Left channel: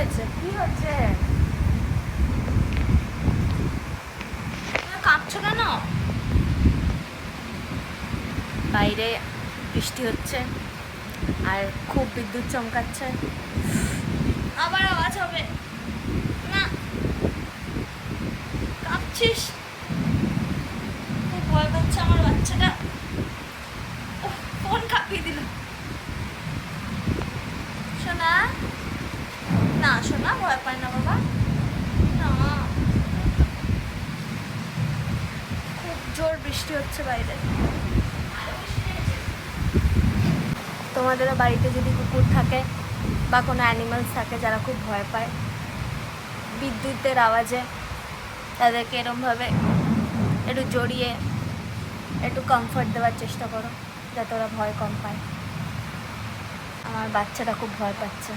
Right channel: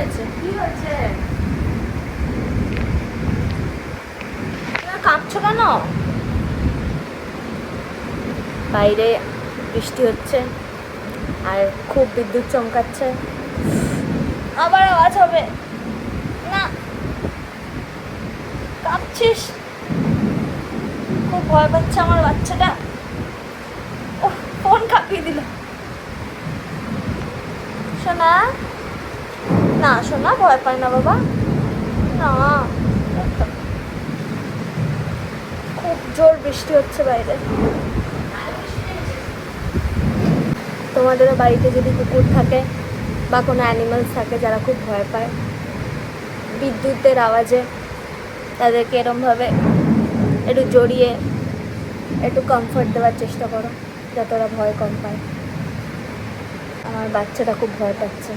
হয়েছে? কি হয়েছে? কাঁপছো কেন? বাইরে বৃষ্টি হচ্ছে আর খুব বিদ্যুৎ চমকাচ্ছে, আবার আওয়াজ হবে না। কাঁপছিস? খুব ভয় পাচ্ছে আমার বাচ্চাটা। ফোন কাঁপিয়ে দিল। সোনা, না সোনা ভয় পায় না বাবা, না। খুব জোর বৃষ্টি হচ্ছে বাইরে। তোমাদেরও বাড়িতে যদি কুকুর থাকে বা কোনো অ্যানিমালস থাকে যারা খুব ভয় পায় বিদ্যুতের আওয়াজে, তাদেরকে এরমভাবে একটু জড়িয়ে একটু কমফর্ট দেওয়ার চেষ্টা করো যাতে ওরা ভয় কম পায়। আমার বাচ্চাটা খুব ভয় পাচ্ছে।